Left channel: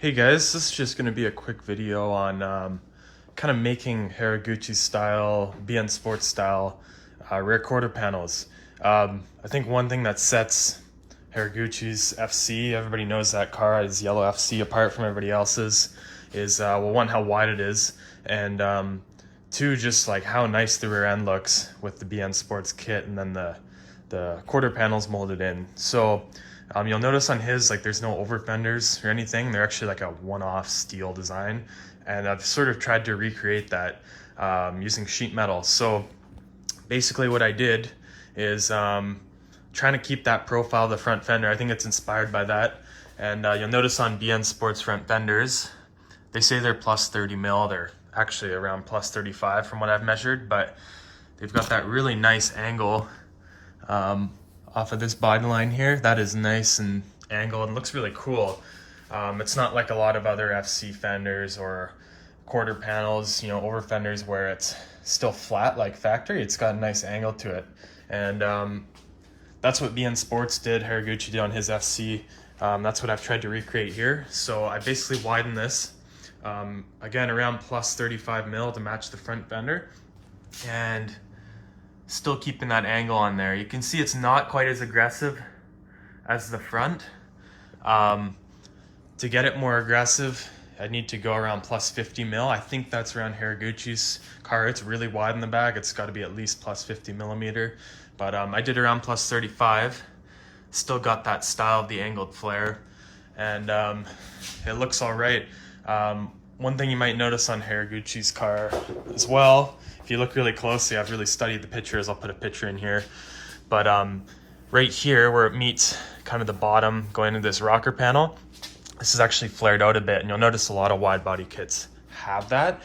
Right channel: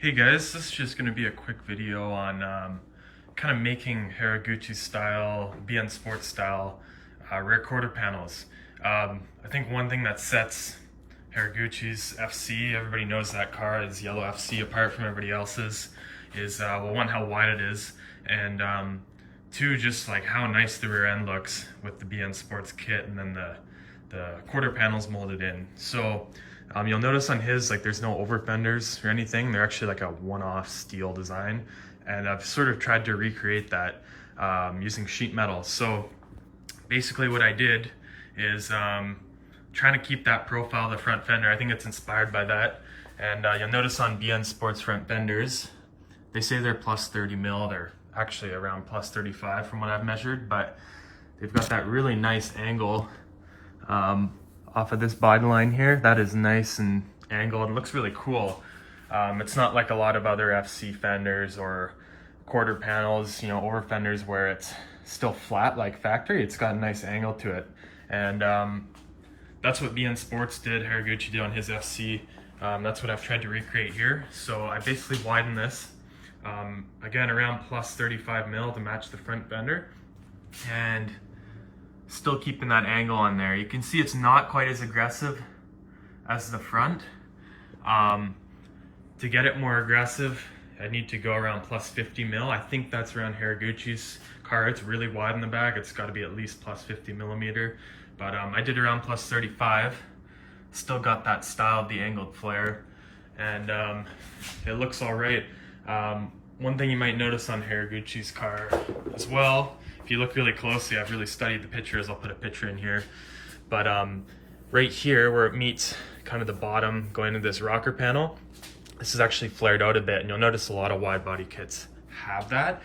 Hey guys, this is just going to be a quick video on kind of making Haraguchi style, BN Sports style rear quarter panels. I think one thing that sets Haraguchi's FC, everybody knows that car is yellow FC apart from everybody else's, is well, one, how wide it is, and two, just like how nice the rear end looks with the BN Sports kit and then the quarter panels molded in. So you'll notice on his, like, there's no over fenders or anything. They're actually like a one-off steel design. And I've sort of tried to recreate that using sheet metal. So basically what I did is trying to keep that profile of the front fender. I think it's inspired by that. And you'll notice on BN Sports front fenders, they say they're plus 30 mil. They're actually around plus 35 from what I've measured, but they've got that really nice angle off of this body line here. That is nice and angled and looks really cool. It's not like a lot of other FC fenders or quarter panels, you know, over fenders where it's still flat like factory. It's got a nice angle to it. And that's what BN Sports did, Haraguchi did on his FC. That's what I've tried to recreate here. So I basically widened this, again, around plus 35 mil to match the front fender. And still keeping that angle on there. You can see it's not quite as aggressive as the front. To get it more aggressive, I need to go around plus 50 mil. I think that's around Haraguchi's car. It's really wide in the back. It's got to be at least plus 50 millimeter. But I did around plus 35. Still got that style of the angled flare. And it looks all right. One thing you might notice on Haraguchi's car as well, if you look really closely, I've really studied the pictures. I'll put a picture in here. But right here where it meets kind of the bottom going into this rocker panel, this is actually flared out a bit, and you'll notice a lot of wide body kits have that.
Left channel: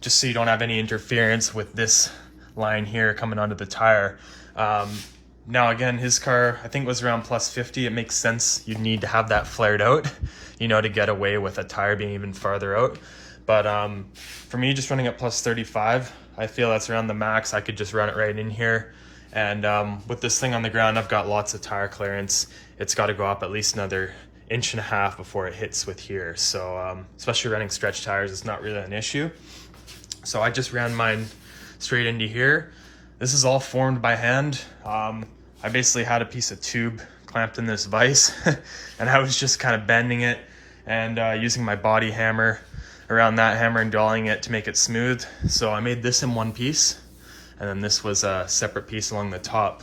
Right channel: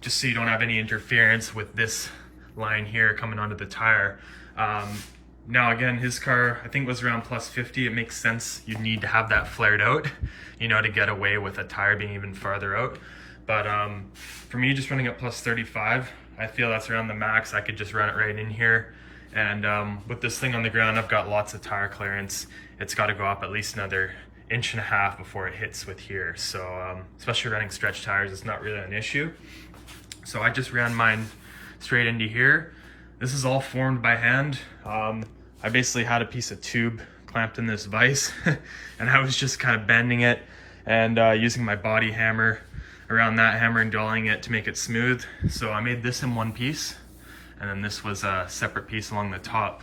Just so you don't have any interference with this line here coming onto the tire. Now again, his car, I think, was around plus 50. It makes sense you'd need to have that flared out, you know, to get away with a tire being even farther out. But for me, just running at plus 35, I feel that's around the max. I could just run it right in here. And with this thing on the ground, I've got lots of tire clearance. It's got to go up at least another 1.5 inches before it hits with here. So especially running stretch tires, it's not really an issue. So I just ran mine straight into here. This is all formed by hand. I basically had a piece of tube clamped in this vise and I was just kind of bending it and using my body hammer around that hammer and drawing it to make it smooth. So I made this in one piece, and then this was a separate piece along the top.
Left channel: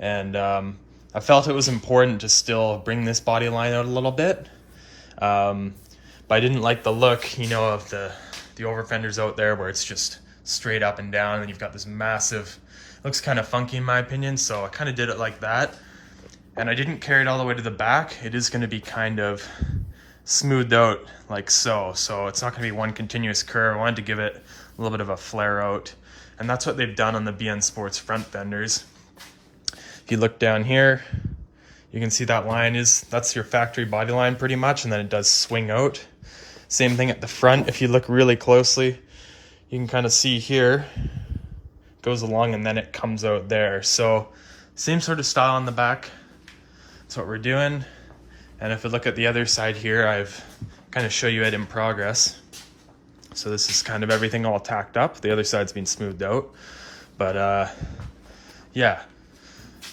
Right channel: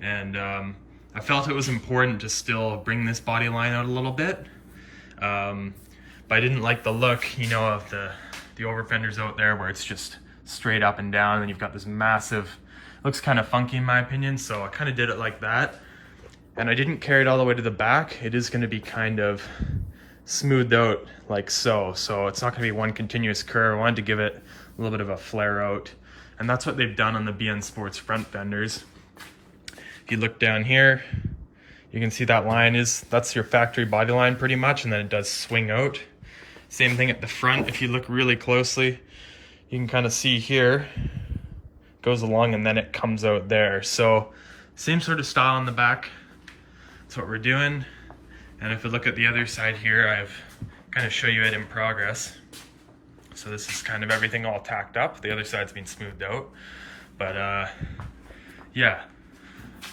And I felt it was important to still bring this body line out a little bit. But I didn't like the look, you know, of the over fenders out there where it's just straight up and down and you've got this massive, looks kind of funky in my opinion. So I kind of did it like that. And I didn't carry it all the way to the back. It is going to be kind of smoothed out like so. So it's not going to be one continuous curve. I wanted to give it a little bit of a flare out. And that's what they've done on the BN Sports front fenders. If you look down here, you can see that line that's your factory body line pretty much, and then it does swing out. Same thing at the front. If you look really closely, you can kind of see here, goes along and then it comes out there. So same sort of style on the back. That's what we're doing. And if we look at the other side here, I've kind of show you it in progress. So this is kind of everything all tacked up. The other side's been smoothed out. But yeah,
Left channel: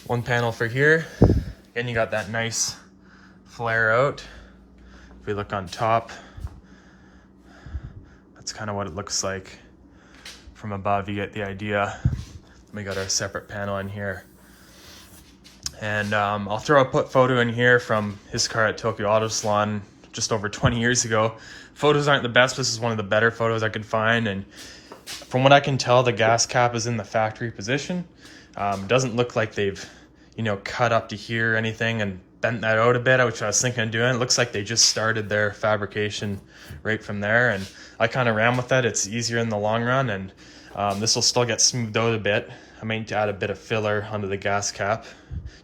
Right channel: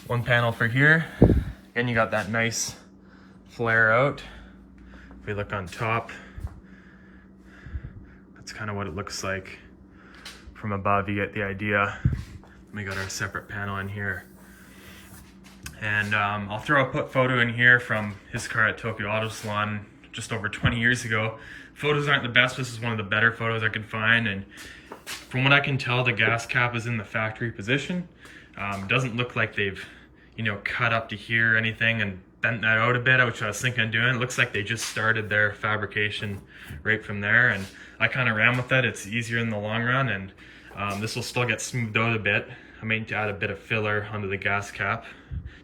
one panel for here. And you got that nice flare out. If we look on top, that's kind of what it looks like from above. You get the idea. We got our separate panel in here. And I'll throw a photo in here from his car at Tokyo Auto Salon just over 20 years ago. Photos aren't the best. This is one of the better photos I could find. And from what I can tell, the gas cap is in the factory position. Doesn't look like they've, you know, cut up to here or anything and bent that out a bit, which I was thinking of doing. It looks like they just started their fabrication right from there. And I kind of ran with it. It's easier in the long run. And this will still get smoothed out a bit. I might add a bit of filler onto the gas cap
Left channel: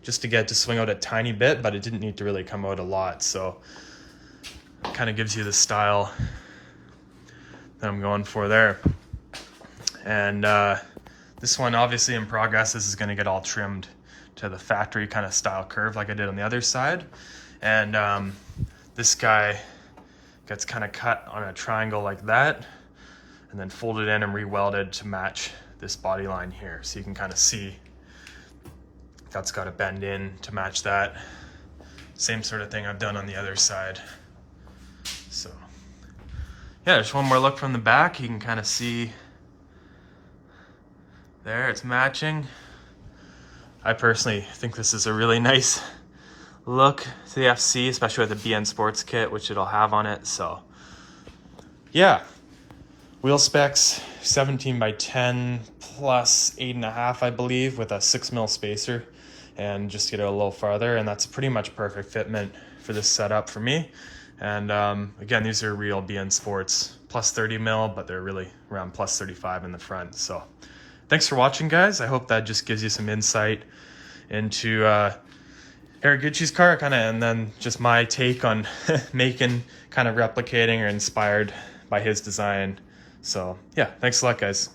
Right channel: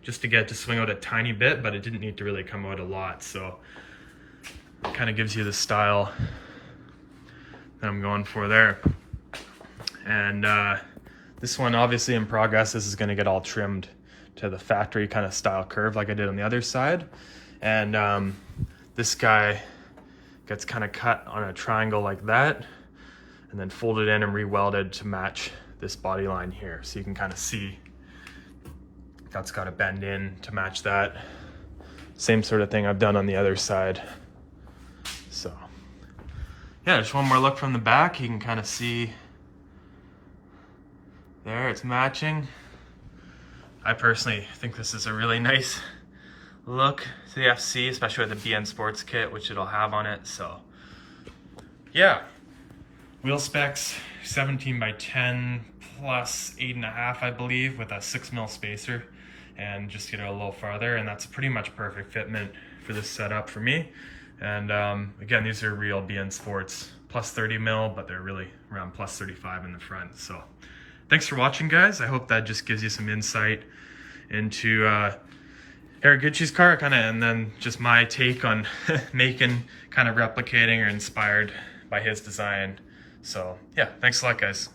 just to get it to swing out a tiny bit, but it didn't need to really come out a lot. So it kind of gives you the style that I'm going for there. And this one, obviously in progress, this is going to get all trimmed to the factory kind of style curve like I did on the other side. And this guy gets kind of cut on a triangle like that, and then folded in and re-welded to match this body line here. So you can kind of see that's got to bend in to match that. Same sort of thing I've done on the other side. So yeah, just one more look from the back. You can kind of see there, it's matching. I personally think this is a really nice look to the FC, especially with the BN Sports kit, which it'll have on it. So yeah, wheel specs 17 by 10 plus 8.5, I believe, with a 6mm spacer, and just get it a little farther, and that's pretty much perfect fitment for this setup for me. And again, these are real BN Sports plus 30mm, but they're really around plus 35 in the front. So thanks for watching, guys. I hope that just gives you some insight into Haraguchi's car, and then just my take on making, kind of replicating or inspired by his design. So yeah, thanks a lot, guys.